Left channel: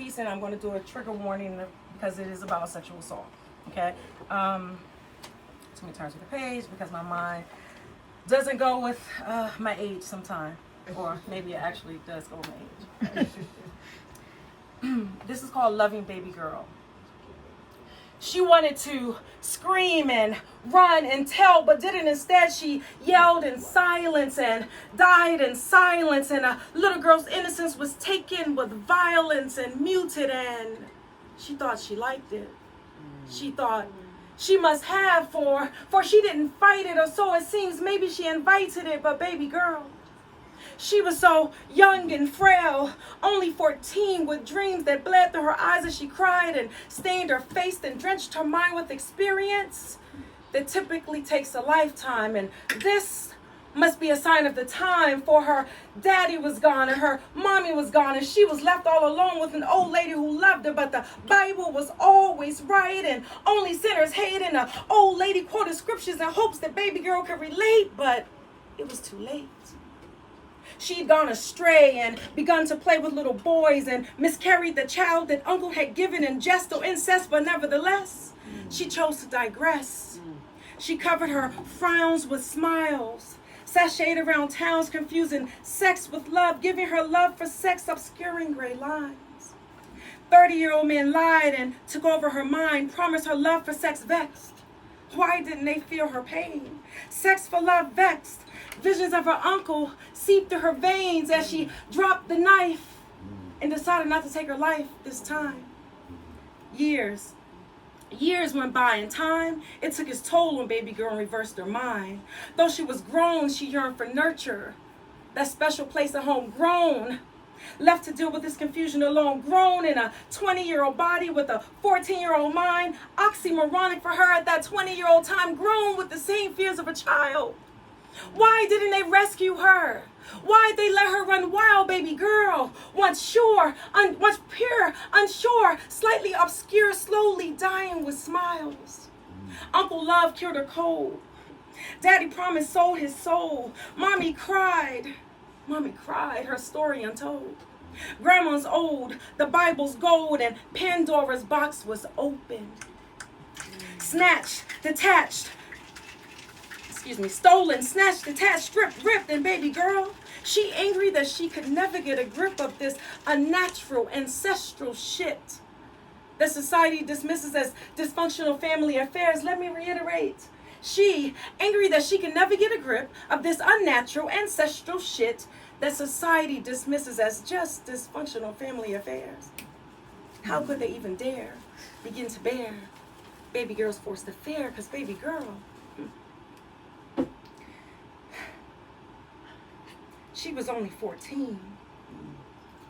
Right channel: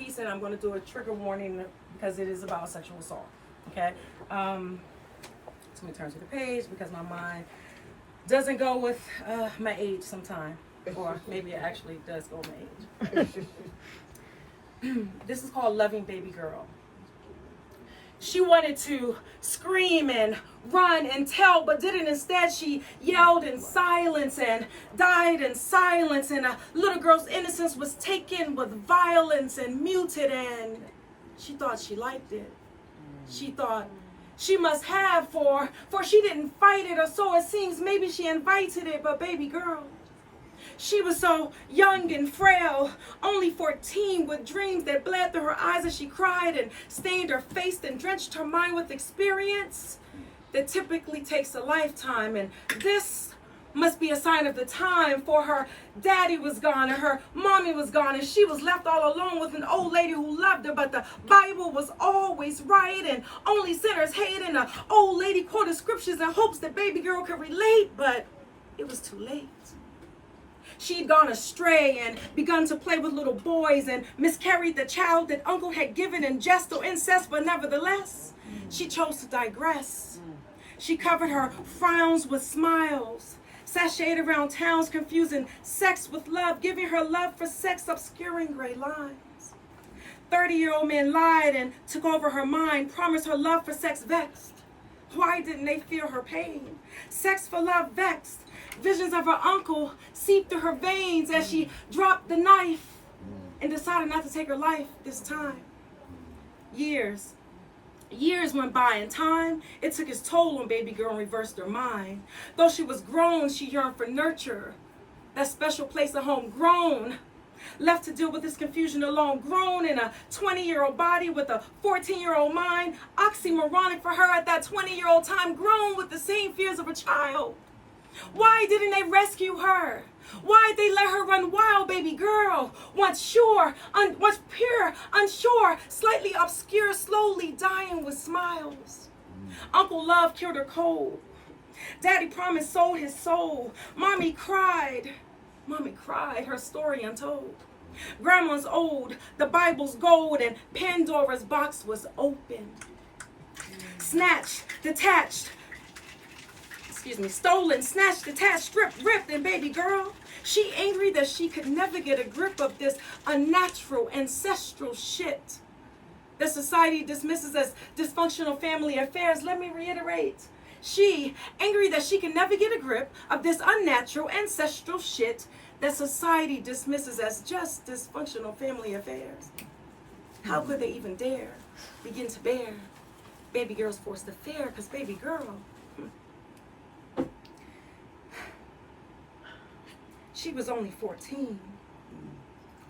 piece, and I'm going to do a trigger warning because it is about sexual assault. Okay. Let me turn to the page because my mind doesn't go with my age sometime, or maybe it actually does go with my age. This is called Loving Baby Girl. She wanted to scream and run and tell, but didn't. Instead, she yelled in silence and died in silence, and a little girl's innocence was taken with violence and muted, and she thought she liked it. She thought she must have, for she didn't fight it, or so it seems. Maybe she invited it, but baby girl, she was so young and frail, only 14, with dreams that bled through her eyes as she cried and stained her face and drenched her mind with experience that typically takes a lifetime. And this must be a sign of the time, for her daddy was gone and her mommy was gone, and she was left all alone with an old lady who loved her. But the Bible was always right, and only sinners hate, and the old lady quoted scriptures in hopes that baby girl could relate, but it was too late. She'd gone astray and begun to play with little boys and miscarried the child that uncle had given in jest or incest, but nevertheless, she chose to digress. She covered her frowns with smiles, sashayed around towns, confusing sex with love, giving her love for sex obscuring gray lines. 30-year-old men lied and took over her mind, promised her love for sex vexed. Why didn't they feel her pain? Sex for love vexed. Visions of her uncle seeped through her veins as she dropped the knife and decided not to take her life this time. Years went by, and time, it took its toll on baby girl and reversed her mind. Though she was grown, she yearned for nurture, that special place at home. Grown, left to deal with this confusion alone. Grown in a 20-year-old body with a 14-year-old mind. Oxymoronic for her at that 20-year-old time. Grown with the same fears of a child. Why didn't they rescue her? Why'd they let her run wild, baby girl? Once sure, once pure, unsure, slightly obscure, slowly dying with smiles. Uncle Love cured her cold. Daddy promised sold his soul. Mommy cried, her story untold. Grandma's old, the Bible's gold, and Pandora's box was opened. Snatched, detached, stolen, snatched, detached, stripped, ripped, and baby girl, she angry that she could never get a grip of this unnatural, ancestral shit that society dismisses as dysfunctional family affairs. Let me reiterate. She angry that she can never get a grip of this unnatural, ancestral shit that society dismisses as just dysfunctional family affairs. How could they even dare begin to bear baby girl's forced affair? Because baby girl, she was only 14,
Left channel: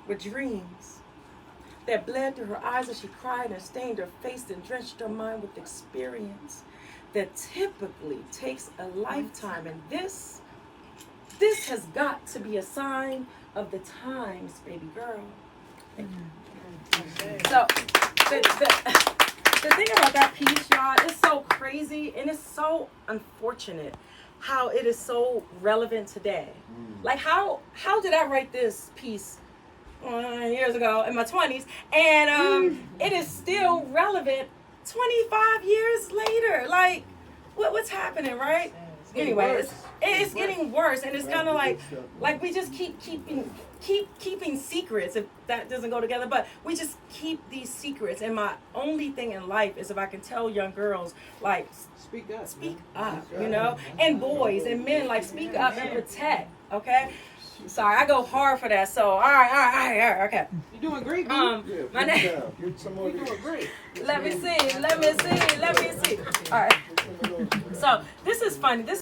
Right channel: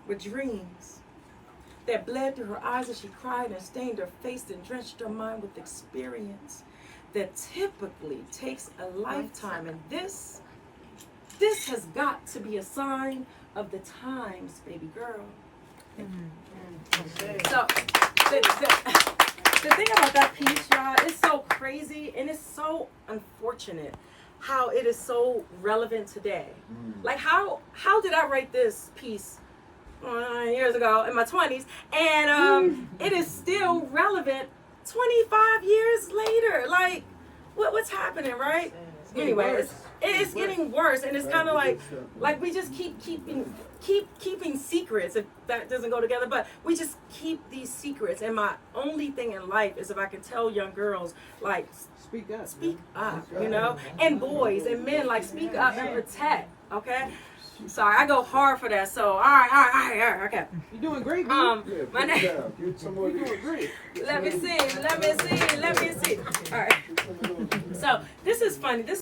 with dreams that bled through her eyes as she cried and stained her face and drenched her mind with experience that typically takes a lifetime. And this has got to be a sign of the times, baby girl. So the thing about that piece, y'all, is so crazy and it's so unfortunate how it is so relevant today. Like how did I write this piece years ago in my 20s, and it is still relevant 25 years later? Like what's happening, right? Anyway, it's getting worse, and it's kind of like we just keep keeping secrets, if that doesn't go together, but we just keep these secrets. And my only thing in life is if I can tell young girls, like, speak up, you know, and boys and men, like, speak up and protect. Okay, sorry, I go hard for that. So all right, okay. You're doing great, my name. You're doing great. Let me see. All right. So this is funny. This